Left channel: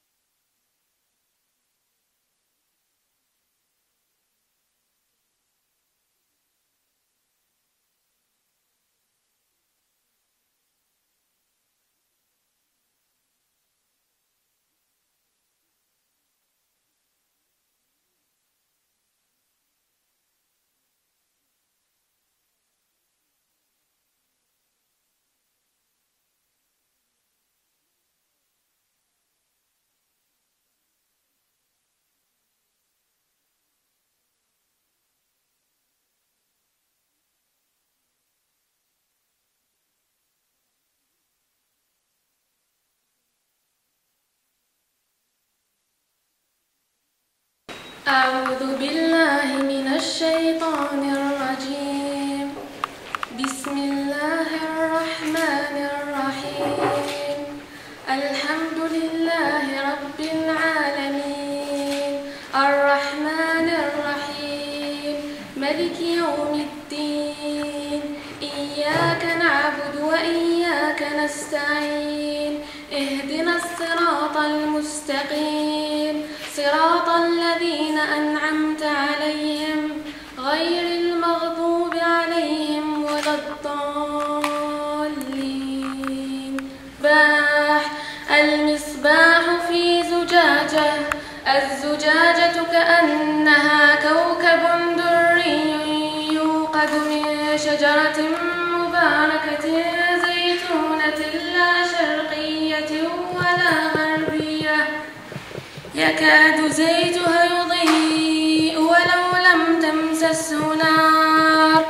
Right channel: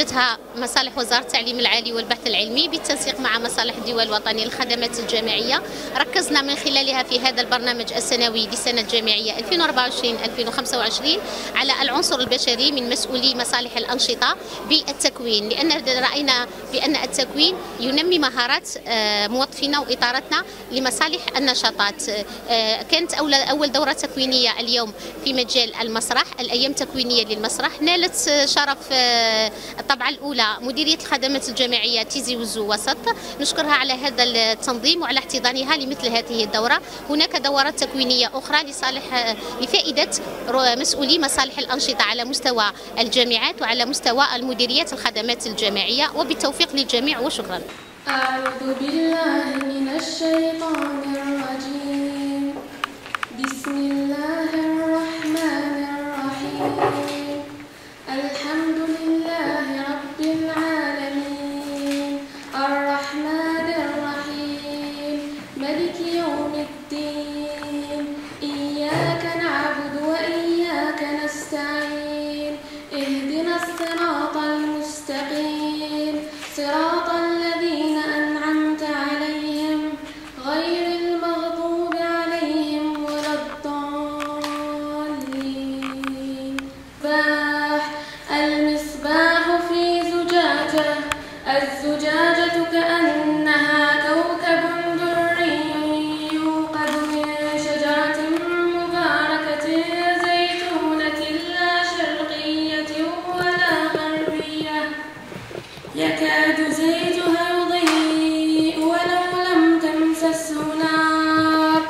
أنتجتها مصالح وزارة التعليم العالي والبحث العلمي بالتنسيق مع مصالح الديوان الوطني للخدمات الجامعية. ركزنا من خلالها في هذا البرنامج السنوي للسنة الجامعية 2024-2025 على العنصر البشري من مسؤولي مصالح الأنشطة بالتكوين، لأن رأينا بأن التكوين ينمي مهارات موظفينا وإطارتنا لمصالح النشاطات. كانت أول دورة تكوينية اليوم في مجال المسرح، الأيام التكوينية للمسرح، نالت شرف الطبعة الأولى مديرية الخدمات الجامعية تيزي وزو وسط. نشكرها على هذا التنظيم وعلى احتضانها لمثل هذه الدورة. هناك دورات تكوينية أخرى لفائدة مسؤولي مصالح الأنشطة على مستوى الجامعات وعلى مستوى المديريات الخدمات الجامعية، وبالتوفيق للجميع وشكرا. أعوذ بالله من الشيطان الرجيم. بسم الله الرحمن الرحيم. الحمد لله رب العالمين الرحمن الرحيم ملك يوم الدين إياك نعبد وإياك نستعين اهدنا الصراط المستقيم صراط الذين أنعمت عليهم غير المغضوب عليهم ولا الضالين. المصباح في زجاجة، الزجاجة كأنها كوكب دري يوقد من شجرة مباركة زيتونة لا شرقية ولا غربية يكاد زيتها يضيء ولو لم تمسسه نار.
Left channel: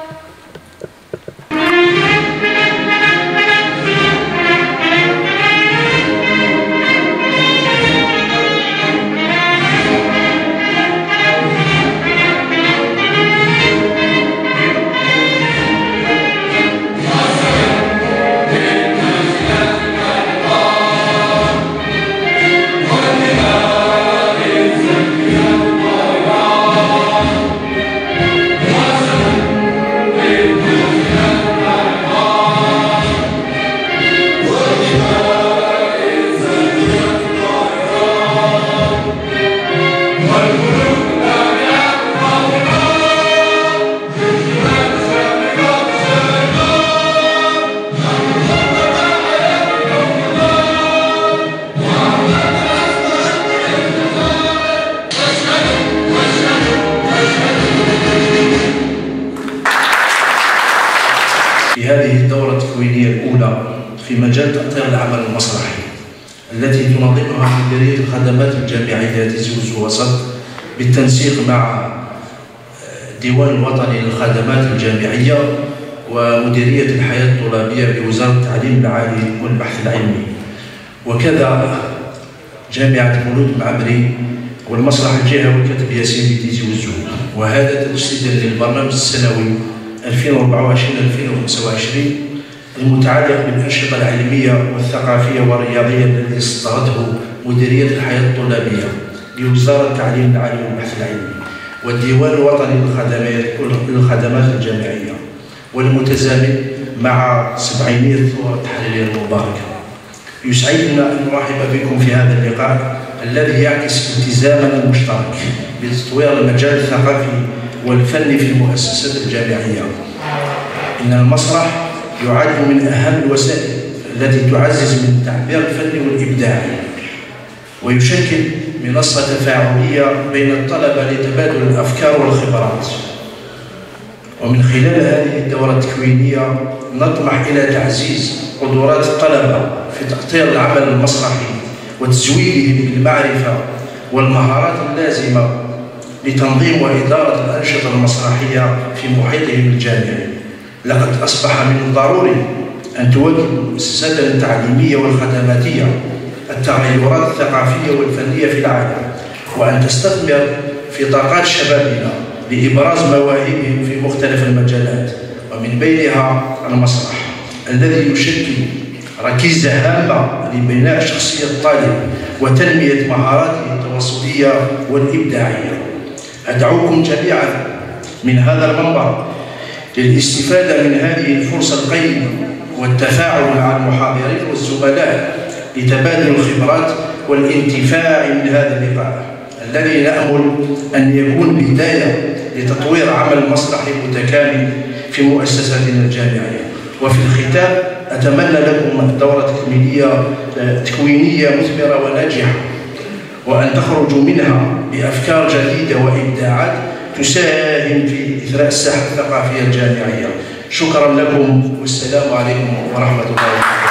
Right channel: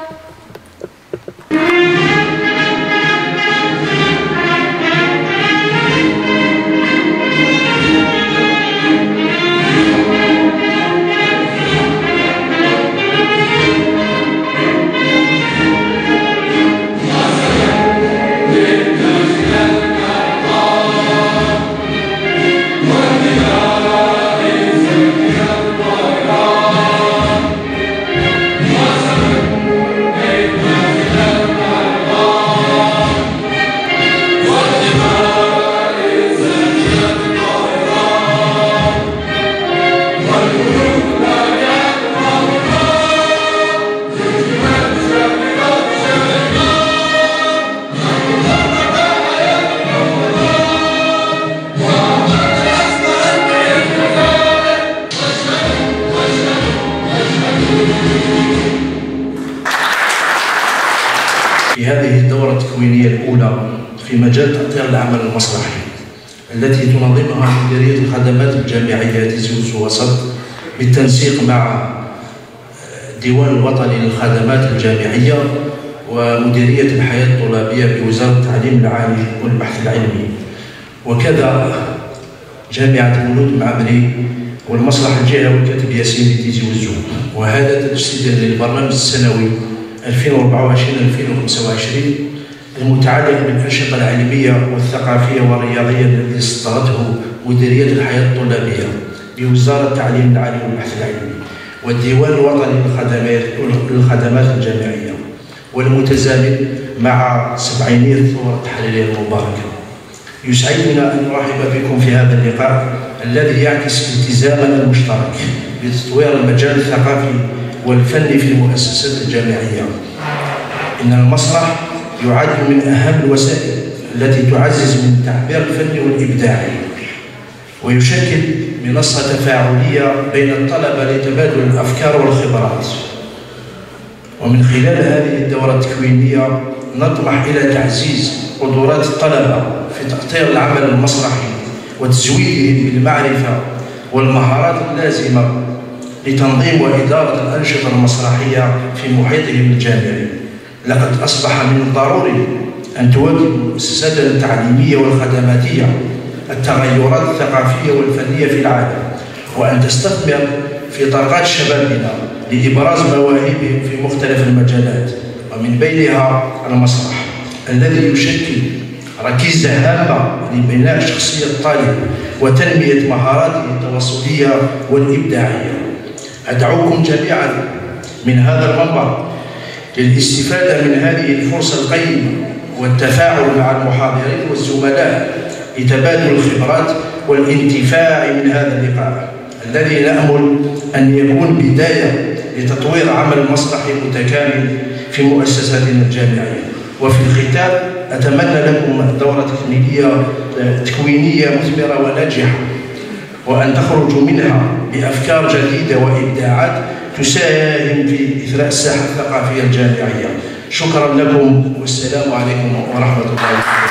في هذه الدورة التكوينية الأولى في مجال تأطير العمل المسرحي التي تنظمها مديرية الخدمات الجامعية تيزي وزو وسط بالتنسيق مع الديوان الوطني للخدمات الجامعية ومديرية الحياة الطلابية بوزارة التعليم العالي والبحث العلمي، وكذا جامعة المولود المعمري والمسرح الجامعي والكاتب ياسين بتيزي وزو. وهذا تجسيدا للبرنامج السنوي 2024-2025 المتعلق بالأنشطة العلمية والثقافية والرياضية التي استطردته مديرية الحياة الطلابية بوزارة التعليم العالي والبحث العلمي والديوان الوطني للخدمات الجامعية، والمتزامن مع 700 الثورة التحريرية المباركة. يسعدنا أن نرحب بكم في هذا اللقاء الذي يعكس التزامنا المشترك بتطوير المجال الثقافي والفني في المؤسسات الجامعية. إن المسرح يعد من أهم الوسائل التي تعزز من التعبير الفني والإبداعي، ويشكل منصة تفاعلية بين الطلبة لتبادل الأفكار والخبرات. ومن خلال هذه الدورة التكوينية نطمح إلى تعزيز قدرات الطلبة في تأطير العمل المسرحي وتزويدهم بالمعرفة والمهارات اللازمة لتنظيم وإدارة الأنشطة المسرحية في محيطهم الجامعي. لقد أصبح من الضروري أن تواكب المؤسسات التعليمية والخدماتية التغيرات الثقافية والفنية في العالم، وأن تستثمر في طاقات شبابنا لإبراز مواهبهم في مختلف المجالات، ومن بينها المسرح الذي يشكل ركيزة هامة لبناء شخصية الطالب وتنمية مهاراته التواصلية والإبداعية. أدعوكم جميعا من هذا المنبر للاستفادة من هذه الفرصة القيمة والتفاعل مع المحاضرين والزملاء لتبادل الخبرات والانتفاع من هذا اللقاء الذي نأمل أن يكون بداية لتطوير عمل مسرحي متكامل في مؤسساتنا الجامعية. وفي الختام أتمنى لكم دورة تكوينية مثمرة وناجحة، وأن تخرجوا منها بأفكار جديدة وإبداعات تساهم في إثراء الساحة الثقافية الجامعية. شكرا لكم والسلام عليكم ورحمة الله وبركاته.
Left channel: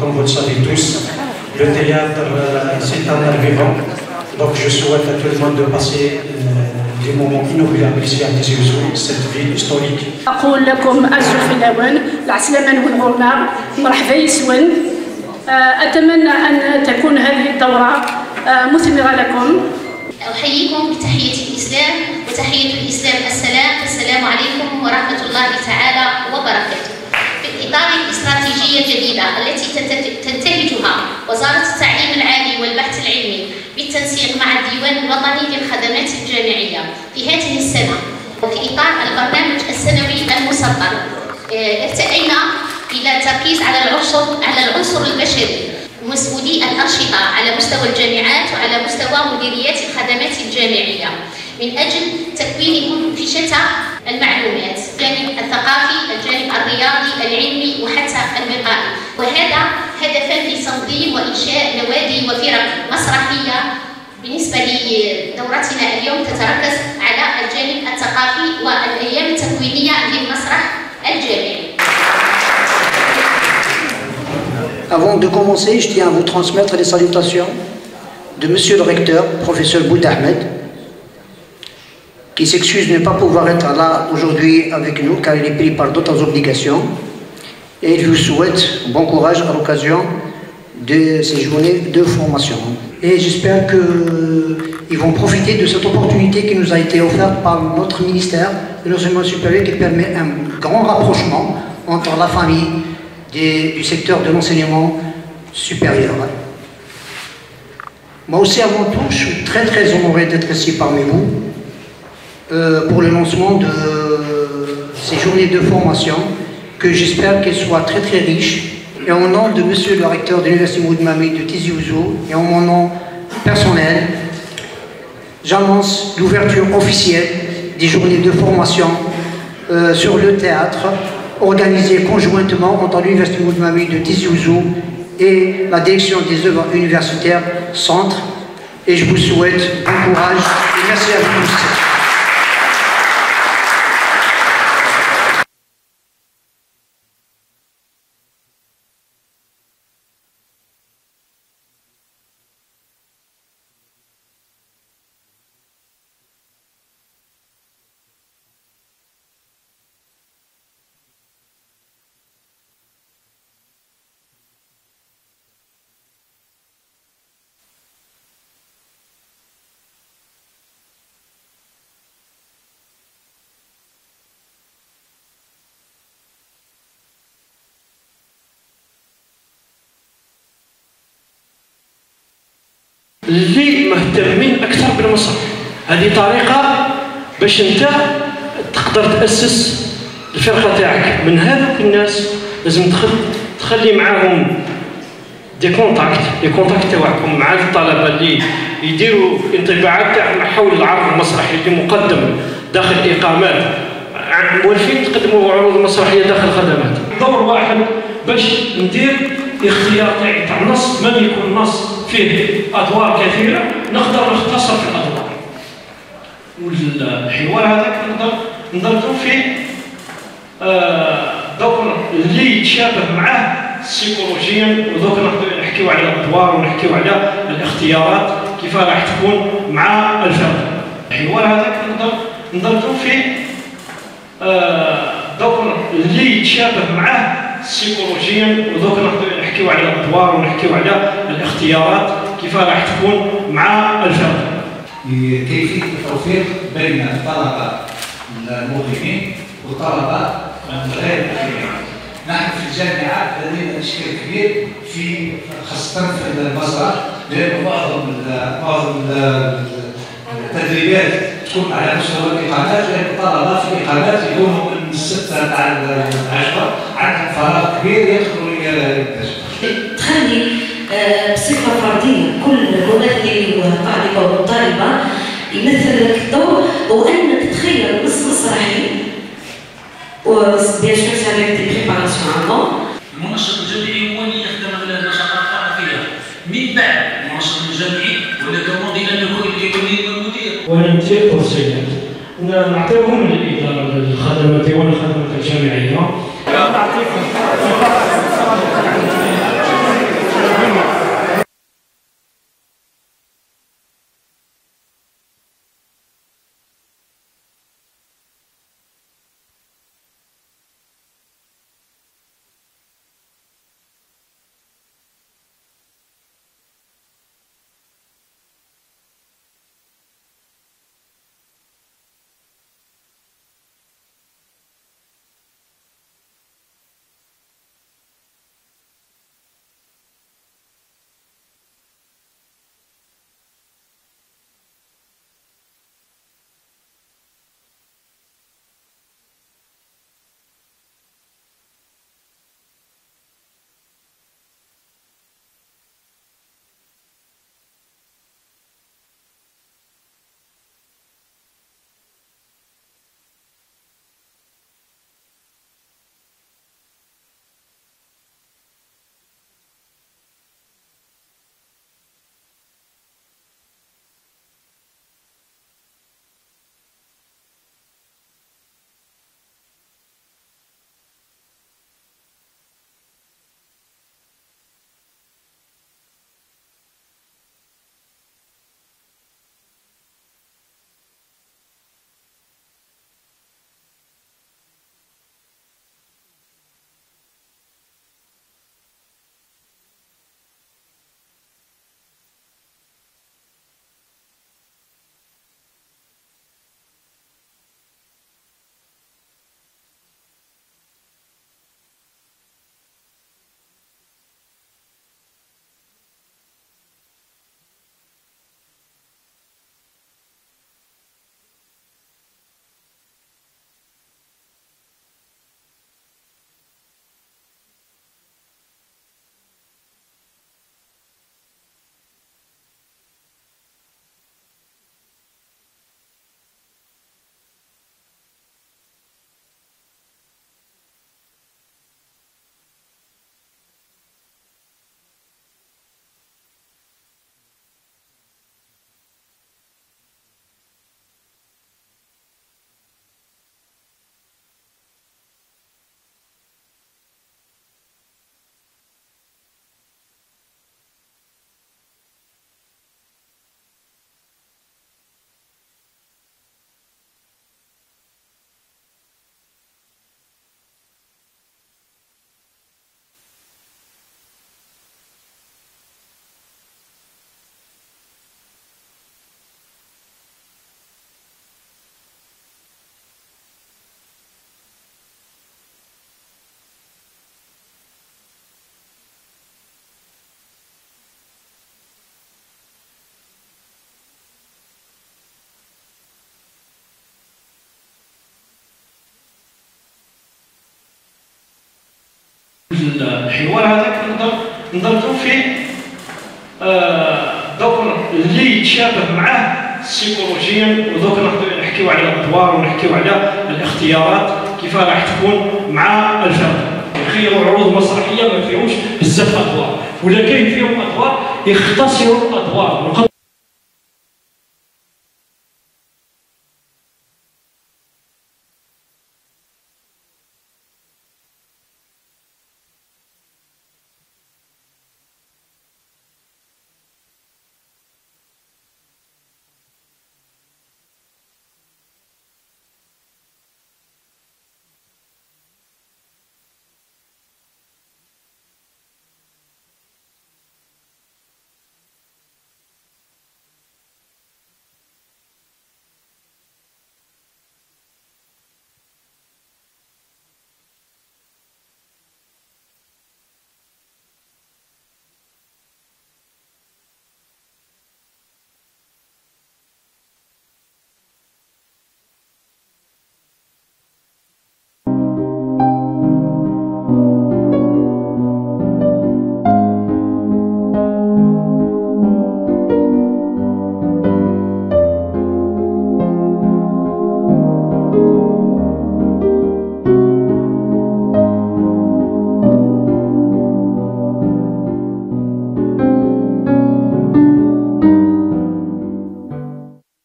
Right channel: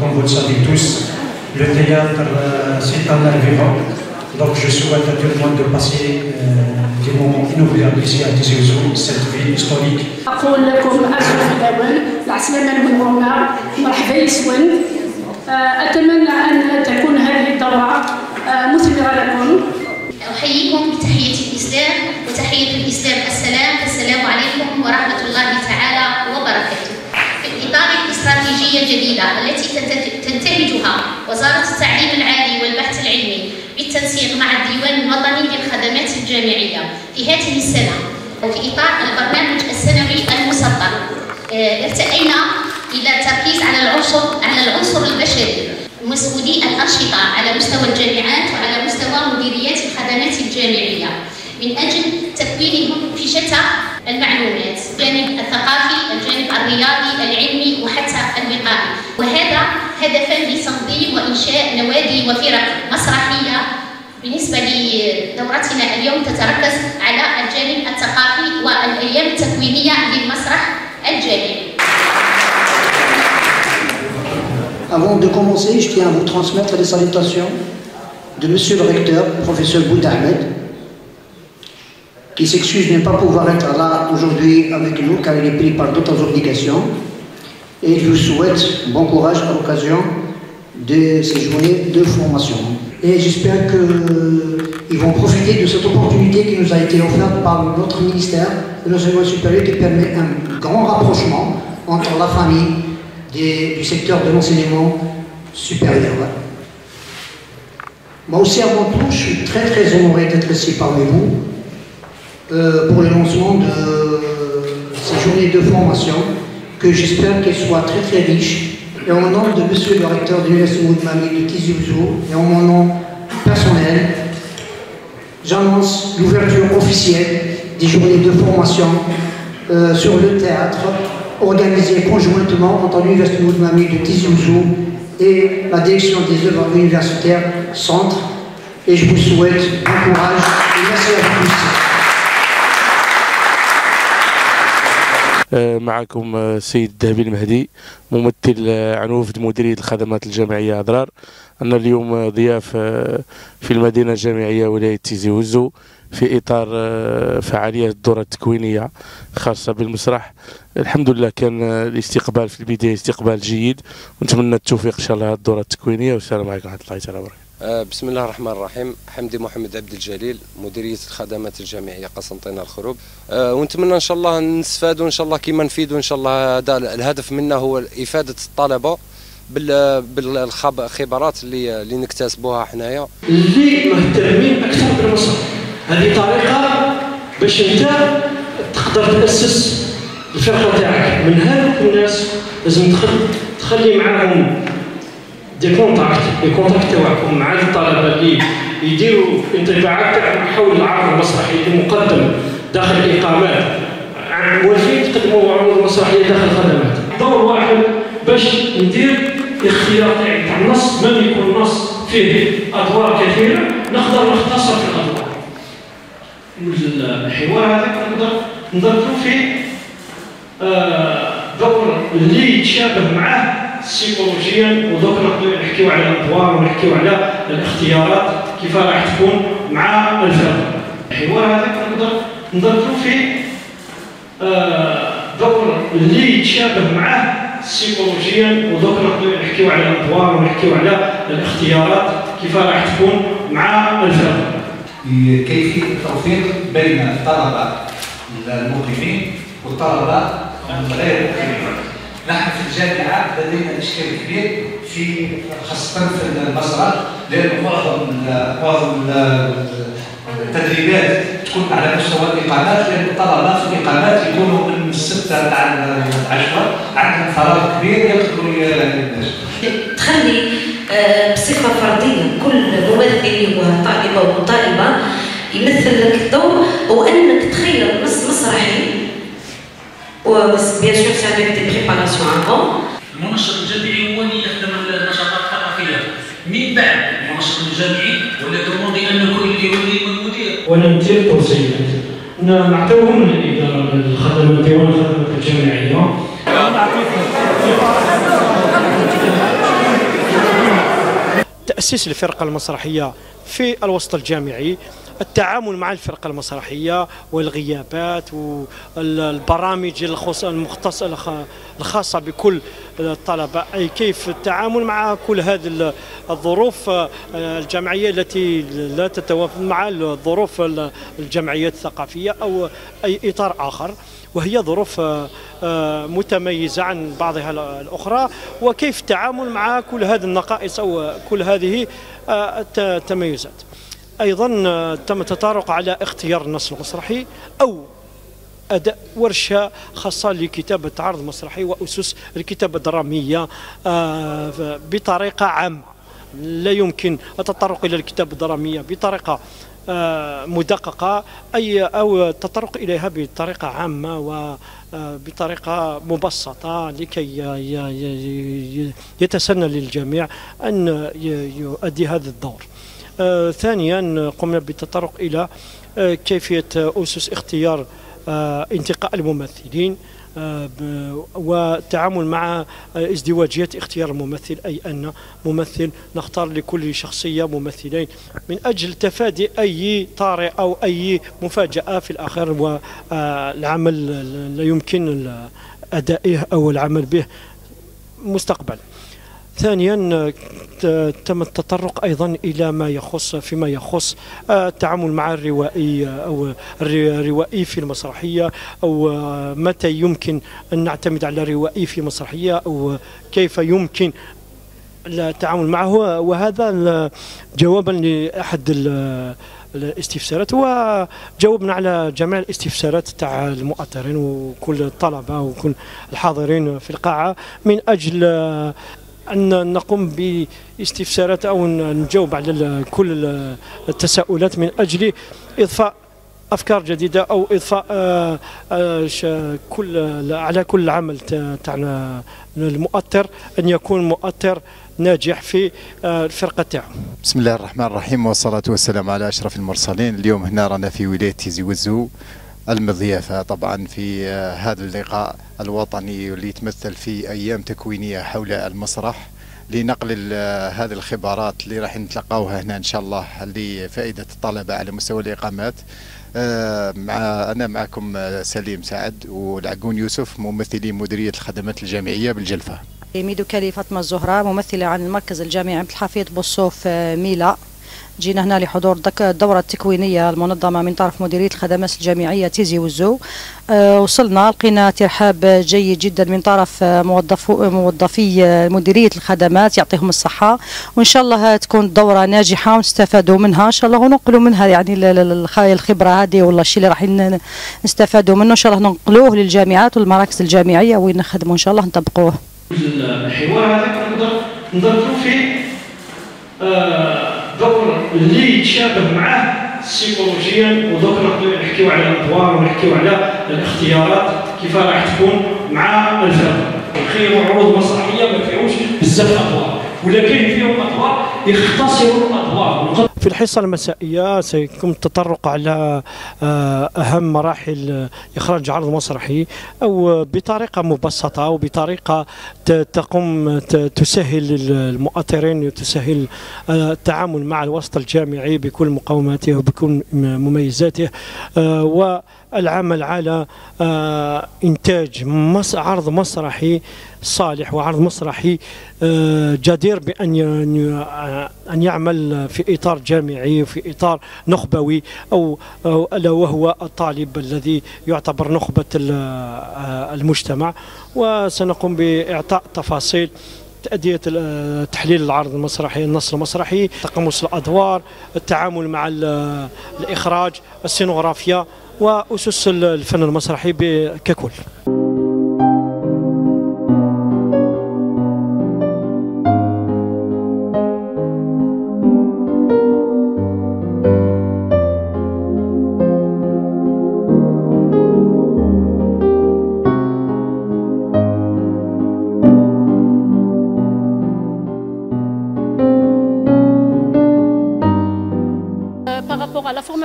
Comme vous le savez tous, le théâtre, c'est un art vivant. Donc je souhaite à tout le monde de passer des moments inoubliables ici à Tizi Ouzou, cette ville historique. أقول لكم أرجو في الأمان العسلامة والمرنة مرحبا يسون. أتمنى أن تكون هذه الدورة مثمرة لكم. أحييكم بتحية الإسلام، وتحية الإسلام السلام عليكم ورحمة الله تعالى وبركاته. في الإطار الاستراتيجية الجديدة التي تنتهجها وزارة التعليم العالي والبحث العلمي بالتنسيق مع الديوان الوطني للخدمات الجامعية في هذه السنة، وفي إطار البرنامج السنوي المصغر، ارتئينا إلى التركيز على العنصر البشري ومسؤولي الأنشطة على مستوى الجامعات وعلى مستوى مديريات الخدمات الجامعية من أجل تكوين فيشة المعلومات، الجانب الثقافي، الجانب الرياضي، العلمي وحتى الوقائي. وهذا هدفا لتنظيم وإنشاء نوادي وفرق مسرحية. بالنسبة لدورتنا اليوم تتركز على الجانب الثقافي والأيام التكوينية للمسرح الجامعي. Avant de commencer, je tiens à vous transmettre les salutations de Monsieur le recteur, professeur Boud Ahmed, qui s'excuse de ne pas pouvoir être là aujourd'hui avec nous car il est pris par d'autres obligations. Et je vous souhaite bon courage à l'occasion de ces journées de formation. Et j'espère qu'ils vont profiter de cette opportunité qui nous a été offerte par notre ministère de l'enseignement supérieur, qui permet un grand rapprochement entre la famille du secteur de l'enseignement supérieur. Moi aussi, à mon tour, je suis très honoré d'être ici parmi vous pour le lancement de ces journées de formation que j'espère qu'elles soient très riches. Et en nom de Monsieur le recteur de l'Université Moudmami de Tizi Ouzou et en mon nom personnel, j'annonce l'ouverture officielle des journées de formation sur le théâtre organisées conjointement entre l'Université Moudmami de Tizi Ouzou et la direction des œuvres universitaires Centre. Et je vous souhaite bon courage et merci à tous. معكم السيد الذهبي المهدي، ممثل عن وفد مديرية الخدمات الجامعية أضرار. أنا اليوم ضياف في المدينة الجامعية ولاية تيزي وزو في إطار فعاليات الدورة التكوينية خاصة بالمسرح. الحمد لله كان الاستقبال في البداية استقبال جيد، ونتمنى التوفيق إن شاء الله الدورة التكوينية. والسلام عليكم ورحمة الله تعالى وبركاته. بسم الله الرحمن الرحيم. حمدي محمد عبد الجليل، مديرية الخدمات الجامعية قسنطينة الخروب. ونتمنى ان شاء الله نستفادوا ان شاء الله كيما نفيدوا ان شاء الله. هذا الهدف منا هو افادة الطلبة بالخبرات اللي نكتسبوها حنايا. اللي مهتمين اكثر بالمسرح، هذه طريقة باش انت تقدر تأسس الفرقة تاعك. من هذوك الناس لازم تخلي معاهم دي كونتاكت تاعكم مع الطلبه اللي يديروا انطباعات تاعهم حول العرض المسرحي اللي مقدم داخل اقامات موالفين تقدموا عروض مسرحيه داخل خدمات. دور واحد باش ندير اختيار تاع النص، ما يكون نص فيه ادوار كثيره نقدر نختصر في الادوار. والحوار هذاك نقدر نضربوا فيه دور اللي يتشابه معاه سيكولوجيا، ودوك نقدروا نحكيو على الادوار ونحكيو على الاختيارات كيف راح تكون مع الفرد. الحوار هذاك نقدر نضربوا فيه دور اللي يتشابه معاه سيكولوجيا، ودوك نقدروا نحكيو على الادوار ونحكيو على الاختيارات كيف راح تكون مع الفرد. كيفيه التوفيق بين الطلبه الموظفين والطلبه غير الموظفين. نحن في الجامعة لدينا إشكال كبير خاصة في المسرح، لأن بعض التدريبات تكون على مستوى الإقامات، لأن الطلبة في الإقامات يكونوا من 6 تاع 10 عندهم فراغ كبير يقدروا ينتجوا. تخلي بصفه فرديه كل ممثل وطالبه وطالبه يمثل لك الدور، وانك تخير النص مسرحي وبيان سور سافيك دي بريباراسيون افون. المنشط الجامعي هو اللي يخدم النشاطات الثقافيه من بعد المنشط الجامعي ولا ترمضي ان يكون الإيواني والمدير. ونمثل توصيات نعتبرهم من الاداره الخدمات ديوان الخدمات الجامعيه. تأسيس الفرقة المسرحية في الوسط الجامعي، التعامل مع الفرقة المسرحية والغيابات والبرامج الخاصة بكل الطلبة، أي كيف التعامل مع كل هذه الظروف الجامعية التي لا تتوافق مع الظروف الجمعيات الثقافية أو أي إطار آخر، وهي ظروف متميزة عن بعضها الأخرى، وكيف التعامل مع كل هذه النقائص أو كل هذه التميزات. أيضا تم التطرق على اختيار النص المسرحي أو أداء ورشة خاصة لكتابة عرض مسرحي وأسس الكتابة الدرامية بطريقة عامة. لا يمكن التطرق إلى الكتابة الدرامية بطريقة مدققة أو التطرق إليها بطريقة عامة وبطريقة مبسطة لكي يتسنى للجميع أن يؤدي هذا الدور. ثانيا قمنا بالتطرق إلى كيفية أسس اختيار انتقاء الممثلين والتعامل مع ازدواجية اختيار الممثل، أي أن ممثل نختار لكل شخصية ممثلين من أجل تفادي أي طارئ أو أي مفاجأة في الآخر والعمل لا يمكن أدائه أو العمل به مستقبلا. ثانيا تم التطرق أيضا إلى فيما يخص التعامل مع الروائي أو الروائي في المسرحية، أو متى يمكن أن نعتمد على الروائي في مسرحية أو كيف يمكن التعامل معه. وهذا جوابا لأحد الاستفسارات، وجاوبنا على جميع الاستفسارات تاع المؤطرين وكل الطلبة وكل الحاضرين في القاعة من أجل أن نقوم باستفسارات أو نجاوب على كل التساؤلات من أجل إضفاء أفكار جديدة أو إضفاء على كل عمل تاعنا المؤطر أن يكون مؤطر ناجح في الفرقة تاعو. بسم الله الرحمن الرحيم، والصلاة والسلام على أشرف المرسلين. اليوم هنا رانا في ولاية تيزي وزو المضيافة طبعا في هذا اللقاء الوطني اللي يتمثل في أيام تكوينية حول المسرح لنقل هذه الخبرات اللي راح نتلقاوها هنا إن شاء الله لفائدة الطلبة على مستوى الإقامات. أنا معكم سليم سعد والعقون يوسف، ممثلين مديرية الخدمات الجامعية بالجلفة. ميدوكالي فاطمة الزهراء، ممثلة عن المركز الجامعي عبد الحفيظ بوصوف ميلا. جينا هنا لحضور الدورة التكوينية المنظمة من طرف مديرية الخدمات الجامعية تيزي وزو. وصلنا لقينا ترحاب جيد جدا من طرف موظفي مديرية الخدمات، يعطيهم الصحة، وإن شاء الله تكون دورة ناجحة ونستفادوا منها إن شاء الله وننقلوا منها يعني الخبرة هذه ولا الشيء اللي راح نستفادوا منه إن شاء الله ننقلوه للجامعات والمراكز الجامعية وين نخدموا إن شاء الله نطبقوه. الحوار هذا نضربوا فيه دور اللي يتشابه معه سيكولوجيا، ودوك نقدروا نحكيو على الادوار ونحكيو على الاختيارات كيف راح تكون مع الفرق. نخيروا عروض مسرحيه ما فيهمش بزاف ادوار، ولا كاين فيهم ادوار يختصروا الادوار. في الحصة المسائية سيكون التطرق على أهم مراحل إخراج عرض مسرحي، أو بطريقة مبسطة وبطريقة تقوم تسهل المؤطرين وتسهل التعامل مع الوسط الجامعي بكل مقوماته وبكل مميزاته، والعمل على إنتاج عرض مسرحي صالح وعرض مسرحي جدير بأن يعمل في إطار جامعي وفي إطار نخبوي أو ألا وهو الطالب الذي يعتبر نخبة المجتمع. وسنقوم بإعطاء تفاصيل تأدية تحليل العرض المسرحي، النص المسرحي، تقمص الأدوار، التعامل مع الإخراج، السينوغرافيا وأسس الفن المسرحي ككل.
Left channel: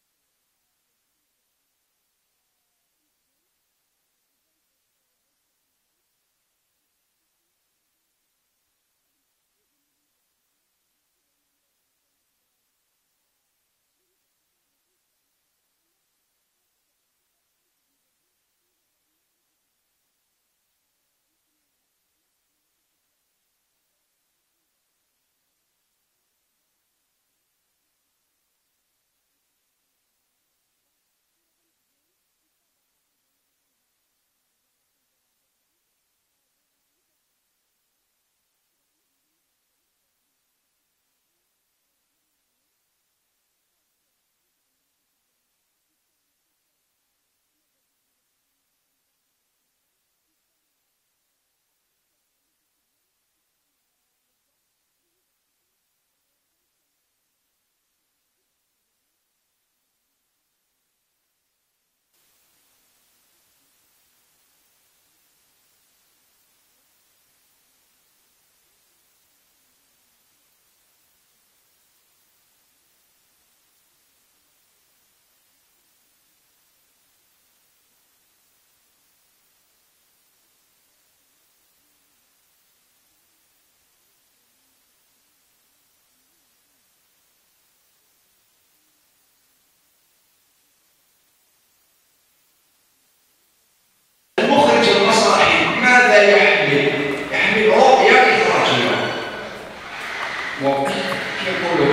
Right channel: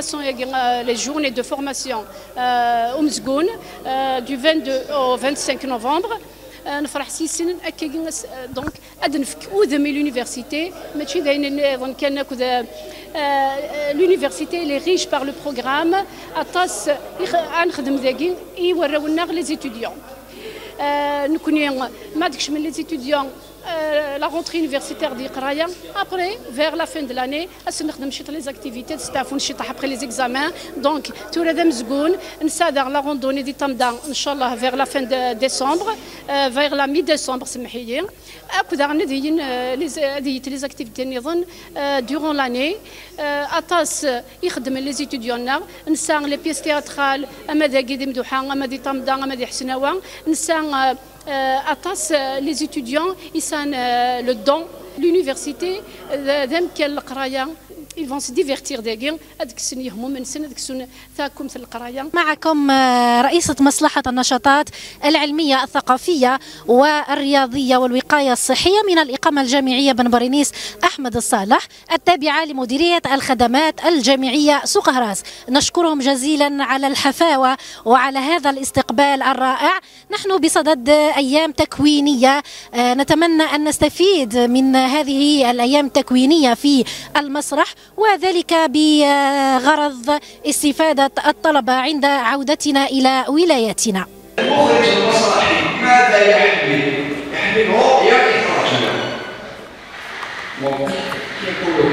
formation, les journées de formation au Mzgoun du 22 au 25 novembre. نفرح سيسن أكيد دونك أدنفك وذمي l'université ماشي داين ظن كان كذا l'université اللي ريش par le programme أطاس نخدم ذاكي يورونا لي زيتوديون نكوني ما دكش من لي زيتوديون la rentrée universitaire دي قرايه après vers la fin de l'année نخدم شي لي زاكتيفيتي تستعرفون شي طاح après les examens donc تورا مزقون نسادر لا روندوني دي تمدا ان شاء الله vers la fin de décembre vers la mi décembre سمحي لي اكو نديين لي زاكتيفيتي نظن durant l'année اطاس يخدم لي زيتوديون نسا لي بيس تياترال اما داكي دي مدوحه اما دي تمدا اما دي حسناوه نسا أطاس les étudiants يسان le don l'université ذم كان القراية ils vont se divertir داكين هذيك السن يهموا من سنه هذيك السن تاعكم في القرايه. معكم رئيسة مصلحة النشاطات العلمية الثقافية والرياضية والوقاية الصحية من الإقامة الجامعية بن برينيس أحمد الصالح التابعة لمديرية الخدمات الجامعية سوق هراس. نشكرهم جزيلا على الحفاوة وعلى هذا الاستقبال الرائع. نحن بصدد أيام تكوينية نتمنى أن نستفيد من هذه الأيام التكوينية في المسرح وذلك بغرض استفادة الطلبة عند عودتنا إلى ولايتنا. المخرج المسرحي ماذا يحمل؟ يحمل رؤية إخراجية. يقول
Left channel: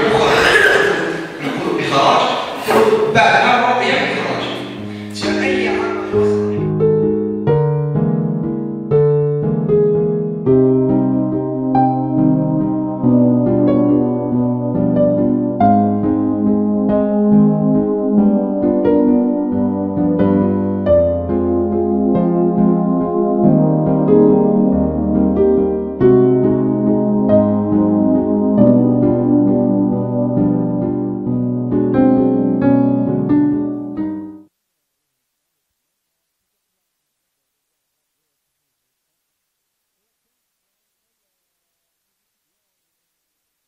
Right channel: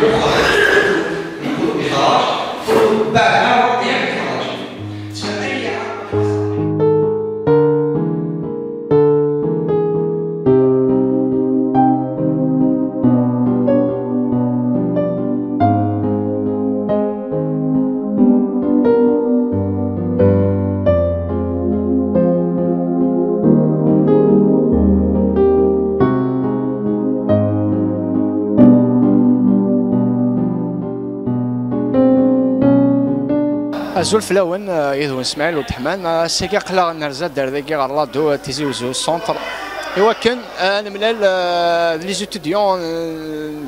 مخرج يقول إخراج بعدها رؤية إخراجية. زول فلاون يدون اسماعيل ودحمان سيكا قلا نرزا دار ذاكي غرادو تيزي وزو السونتر ايوا كان انا ملال لي زيتوديون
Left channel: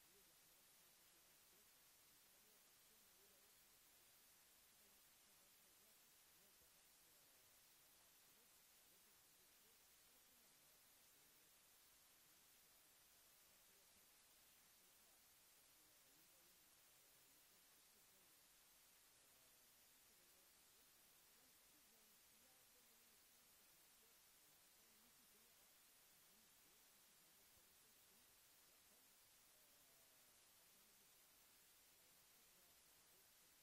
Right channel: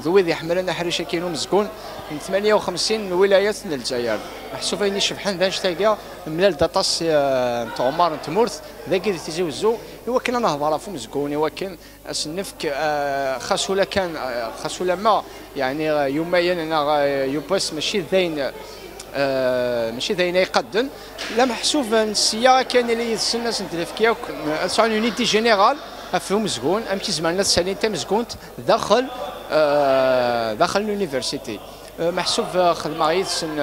ذوي ذي حملنا حريشه كينو مزكون من 58 ولايات الجزائر محسوبه اني شبحان ذا نشتاقا ملال داطاس تاع عمر تمورث ذاكي تيزي وزو ايوا كان انا هضره في مزكون ايوا كان اسنفك خاصولا كان خاصولا ما يعني يوميا انا يوبس ماشي ذاين ماشي ذاين يقدم لا محسوب السياره كان اللي يتسنى سنتلفكيا سان يونيتي جينيرال افهم مزكون امشي زمان سالين تاع مزكون داخل داخل لونيفرسيتي محسوب خدمه يتسن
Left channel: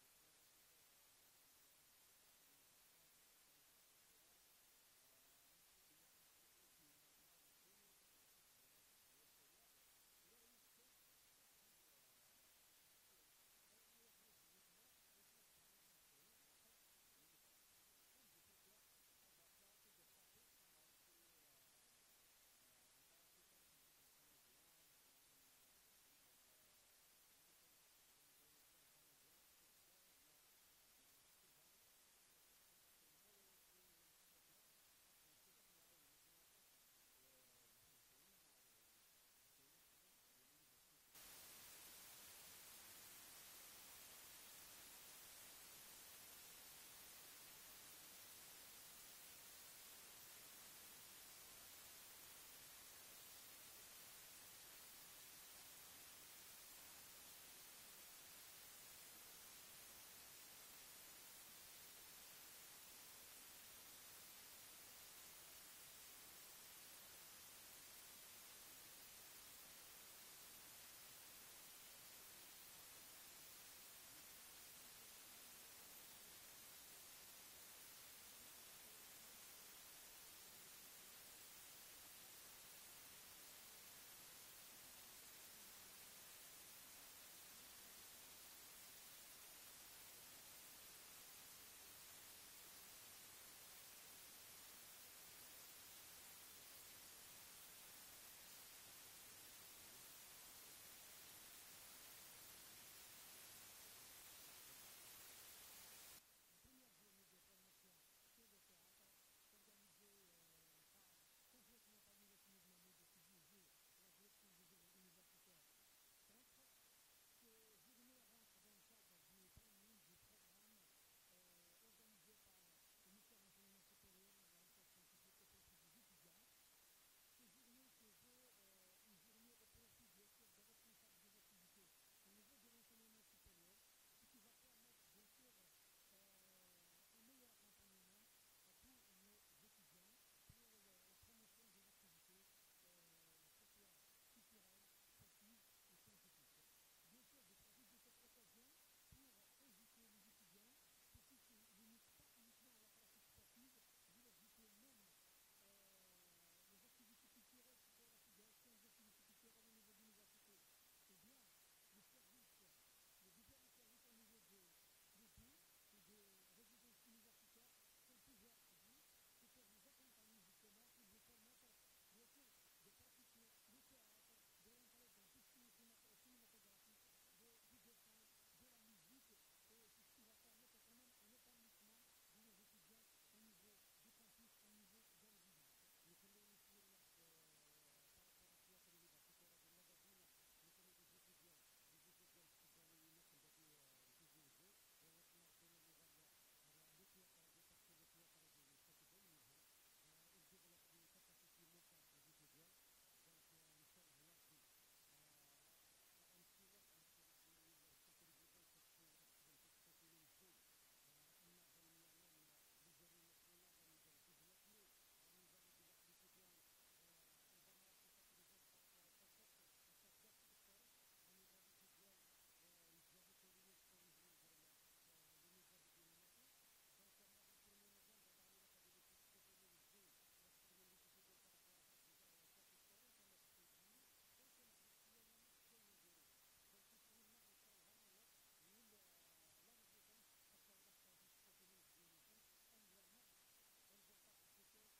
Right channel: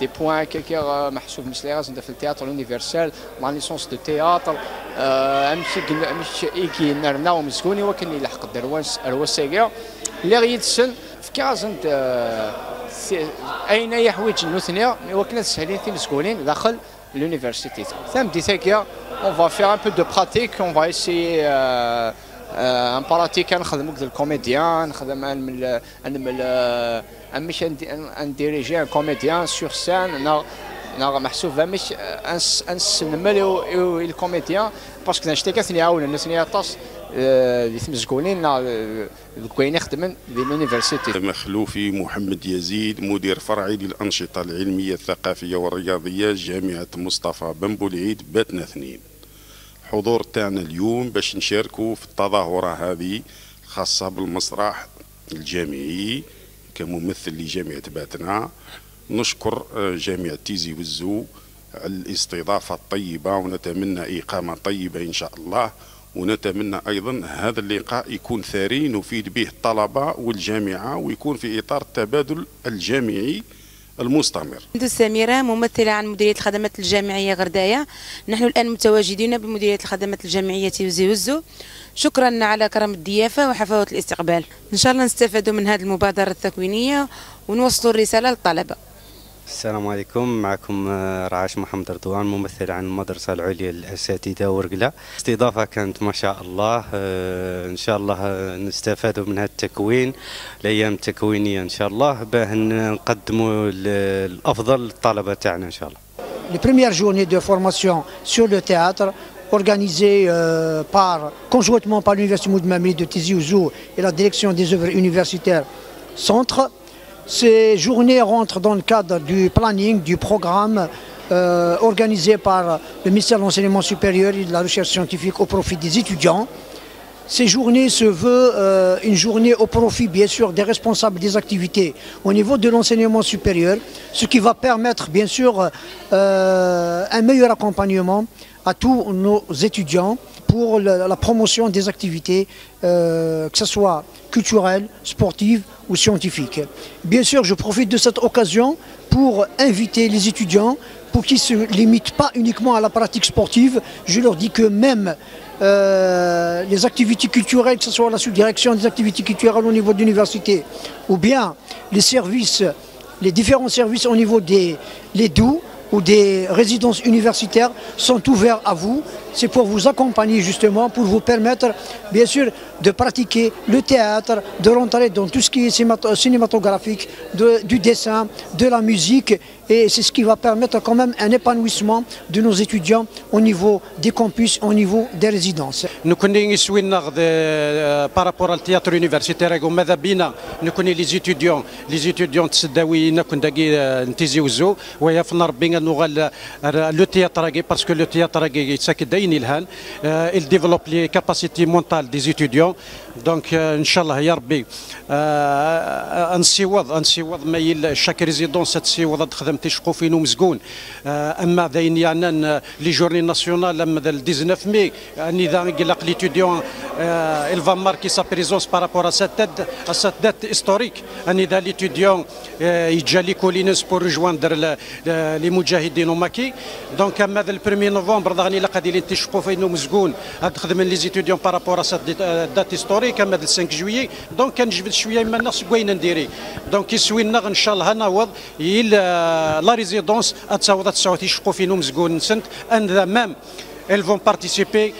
دي بوان كيكا محسوب مثل غاز في التياتر يونيفرسال لا ليسونس دو تياتر امشي يجي نرنا مزكوني وكان يلحق دروانس الوساقيه اللي غيتسن في كازن اين يحوج النثنيه وكنا سهلين في مسكونين داخل l'université. Ça me disait qu'on va faire un peu de pratique, on va essayer en pratique نخدموا كذا الكوميديان نخدم انا مش نديريجي ان كوميديان سور سان انا محسوب مش نسملو الكوميديان باسكو نشتي كثني عاون الناس طاس اللي تمزكونين كاين يخدمن في لونيفرسيتي. مخلوفي محمد يزيد مدير فرعي للأنشطة العلمية الثقافية والرياضية جامعة مصطفى بن بولعيد باتنا 2. حضور تاعنا اليوم باش نشاركوا في التظاهرة هذه خاصة بالمسرح الجامعي كممثل لجامعة باتنا. نشكر جامعة تيزي وزو على الاستضافة الطيبة ونتمنى إقامة طيبة إن شاء الله، ونتمنى أيضا هذا اللقاء يكون ثري نفيد به الطلبة والجامعة ويكون في إطار التبادل الجامعي المستمر. سميرة ممثلة عن مديرية الخدمات الجامعية غرداية. نحن الآن متواجدين بمديرية الخدمات الجامعية تيزي وزو. شكرا على كرم الضيافة وحفاوة الاستقبال. إن شاء الله نستفادوا من هذه المبادرة التكوينية ونوصلوا الرسالة للطلبة. السلام عليكم، معكم رعاش محمد رضوان ممثل عن المدرسة العليا للأساتذة ورقلة. استضافة كانت ما شاء الله، إن شاء الله نستفادوا من هذا التكوين الأيام التكوينية إن شاء الله باه نقدموا الأفضل للطلبة تاعنا إن شاء الله. Les premières journées de formation sur le théâtre organisées conjointement par l'Université Moudmamri de Tizi Ouzou et la direction des œuvres universitaires Centre Ces journées rentrent dans le cadre du planning, du programme organisé par le ministère de l'Enseignement supérieur et de la Recherche scientifique au profit des étudiants. Ces journées se veulent une journée au profit, bien sûr, des responsables des activités au niveau de l'enseignement supérieur, ce qui va permettre, bien sûr, un meilleur accompagnement à tous nos étudiants pour la promotion des activités, que ce soit culturelles, sportives ou scientifiques. Bien sûr, je profite de cette occasion pour inviter les étudiants, pour qu'ils ne se limitent pas uniquement à la pratique sportive. Je leur dis que même les activités culturelles, que ce soit la sous-direction des activités culturelles au niveau de l'université, ou bien les services, les différents services au niveau des DOU ou des résidences universitaires sont ouverts à vous. C'est pour vous accompagner justement, pour vous permettre bien sûr de pratiquer le théâtre, de rentrer dans tout ce qui est cinématographique, du dessin, de la musique. Et c'est ce qui va permettre quand même un épanouissement de nos étudiants au niveau des campus, au niveau des résidences. Nous connaissons par rapport au théâtre universitaire, ماذا بينا نكون les étudiants تسداوي نكون داكي نتيزيوزو ويفنا ربي نغال le théâtre parce que le théâtre ساكن داين الهان il développe les capacités mentales des étudiants. Donc inchallah يا ربي نسيوض ما chaque résidence تسيوض تخدم تشقو فين ومزقون. اما ذاين يعني لي جورني ناسيونال اما 19 مي اني ذا قلق ليتيديون il va marquer sa présence par rapport à cette date historique. اني ذا ليتيديون يجا لي كولينس pour rejoindre les مجاهدين وماكي. دونك اما ذا 1 نوفمبر ذاني لا قادي تشقو فين ومزقون تخدم لي زيتيديون par rapport à cette date historique اما 5 جويي. دونك كنجبد شويه من الناس كوين نديري. دونك يسوينا ان شاء الله نعوض la résidence à Tsaouda Tsaouti Chkofino Mzgoun Sent, and même elles vont participer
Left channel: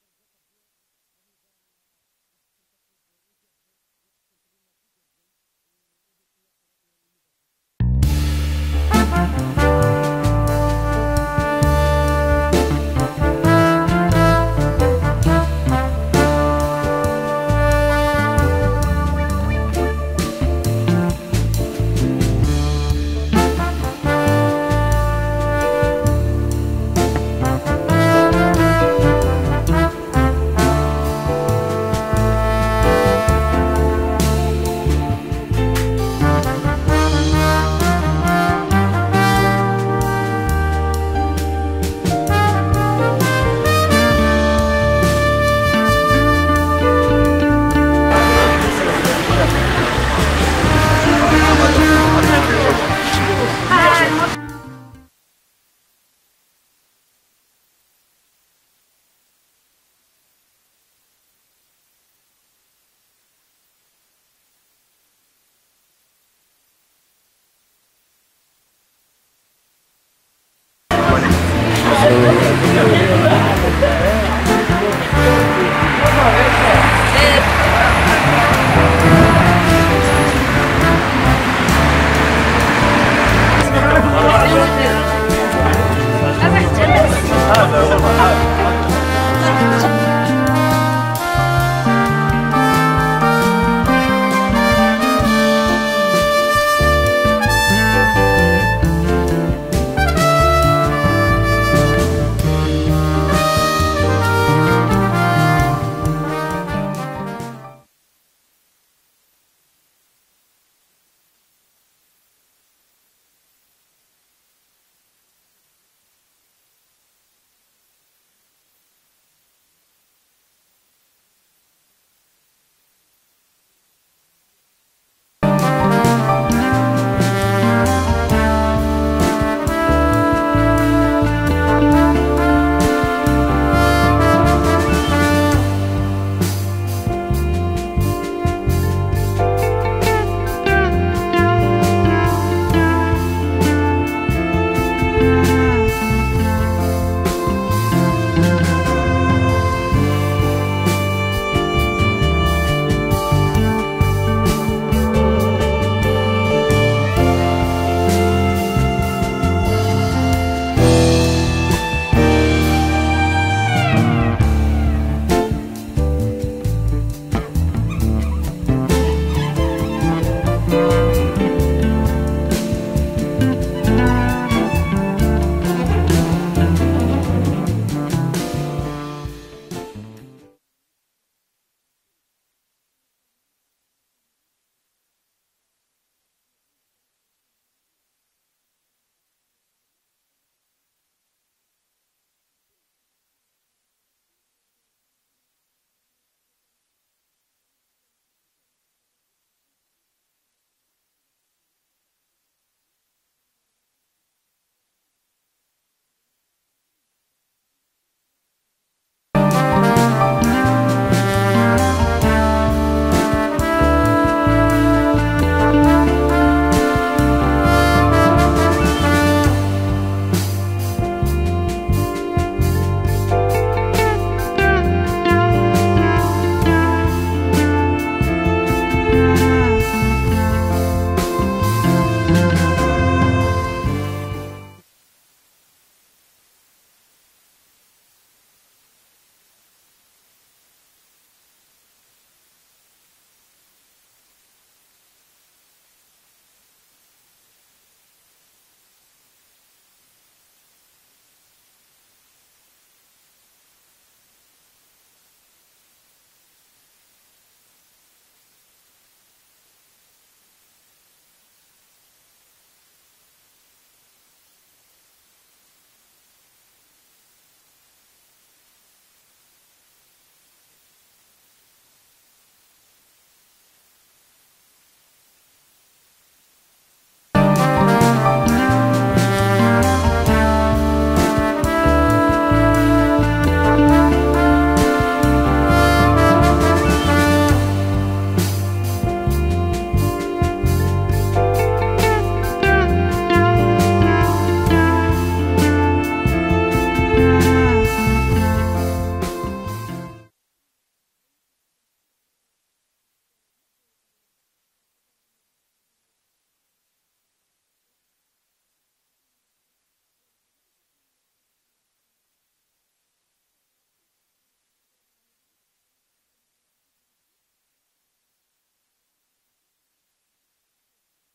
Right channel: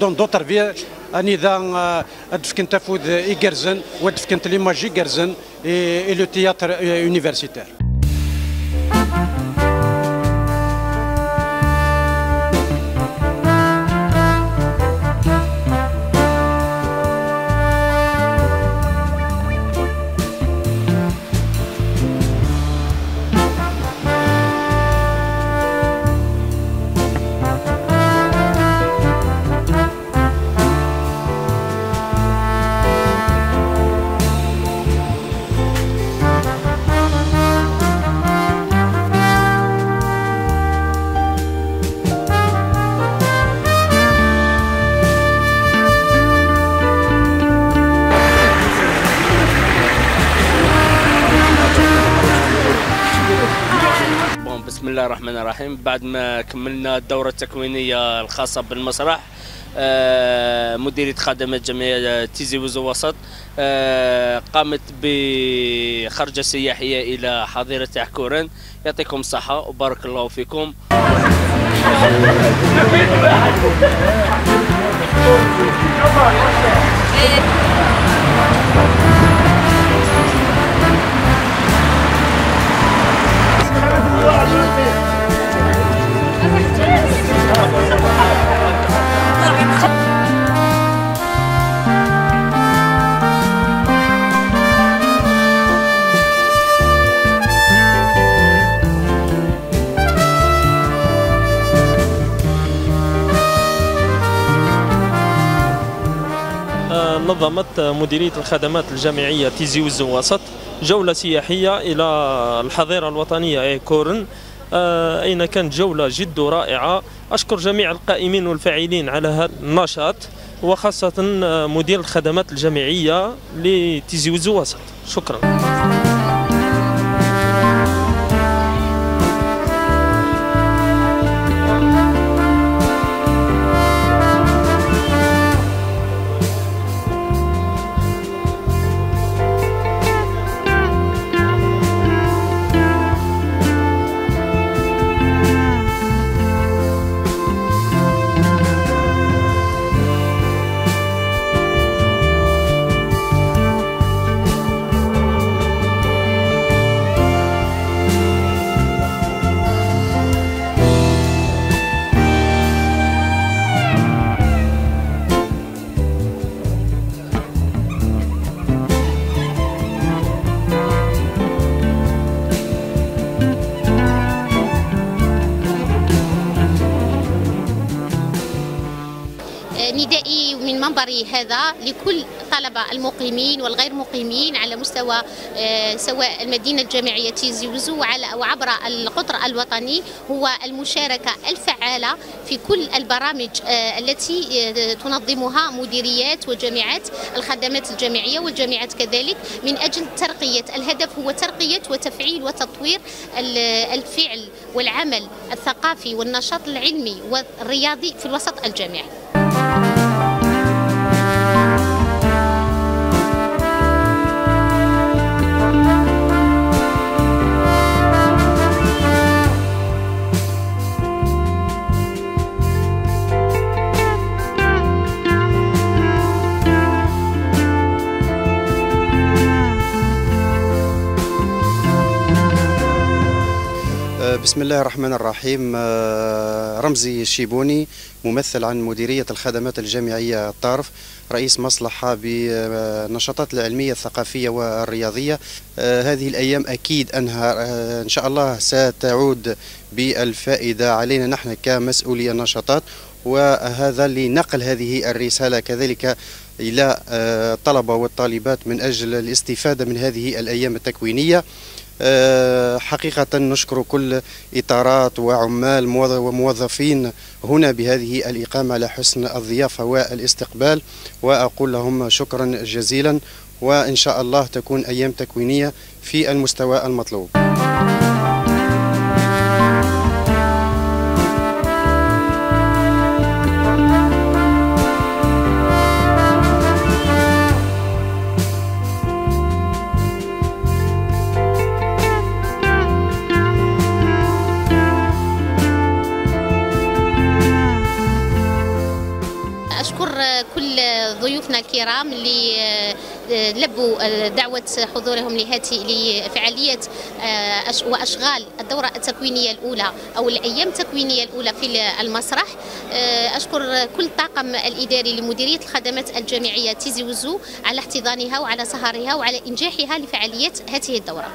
dans d'autres villes. أنيذا أدفكن تفوذ إيجرزن وأدفكن تليماجي إيجرزن et le théâtre universitaire. الرحمن الرحيم. بعد ما كملنا الدورة التكوينية الخاصة بالمسرح، مديرية خدمات جمعية تيزي وزو وسط قامت بخرجة سياحية إلى حظيرة عكوران. يعطيكم الصحة وبارك الله فيكم. نظمت مديرية الخدمات الجامعية تيزي وزو وسط جولة سياحية إلى الحظيرة الوطنية كورن، أين كانت جولة جد رائعة. أشكر جميع القائمين والفاعلين على هذا النشاط، وخاصة مدير الخدمات الجامعية لتيزي وزو وسط. شكرا. التوعوي هذا لكل طلبة المقيمين والغير مقيمين على مستوى سواء المدينة الجامعية تيزي وزو وعبر القطر الوطني هو المشاركة الفعالة في كل البرامج التي تنظمها مديريات وجامعات الخدمات الجامعية والجامعات كذلك من أجل ترقية. الهدف هو ترقية وتفعيل وتطوير الفعل والعمل الثقافي والنشاط العلمي والرياضي في الوسط الجامعي. بسم الله الرحمن الرحيم. رمزي الشيبوني، ممثل عن مديرية الخدمات الجامعية الطارف، رئيس مصلحة بالنشاطات العلمية الثقافية والرياضية. هذه الأيام أكيد أنها إن شاء الله ستعود بالفائدة علينا نحن كمسؤولي النشاطات، وهذا لنقل هذه الرسالة كذلك إلى الطلبة والطالبات من أجل الاستفادة من هذه الأيام التكوينية. حقيقة نشكر كل إطارات وعمال وموظفين هنا بهذه الإقامة على حسن الضيافة والاستقبال، وأقول لهم شكرا جزيلا، وإن شاء الله تكون أيام تكوينية في المستوى المطلوب. ضيوفنا الكرام اللي لبوا دعوة حضورهم لفعالية وأشغال الدورة التكوينية الأولى أو الأيام التكوينية الأولى في المسرح. أشكر كل الطاقم الإداري لمديرية الخدمات الجامعية تيزي وزو على احتضانها وعلى سهرها وعلى إنجاحها لفعالية هذه الدورة.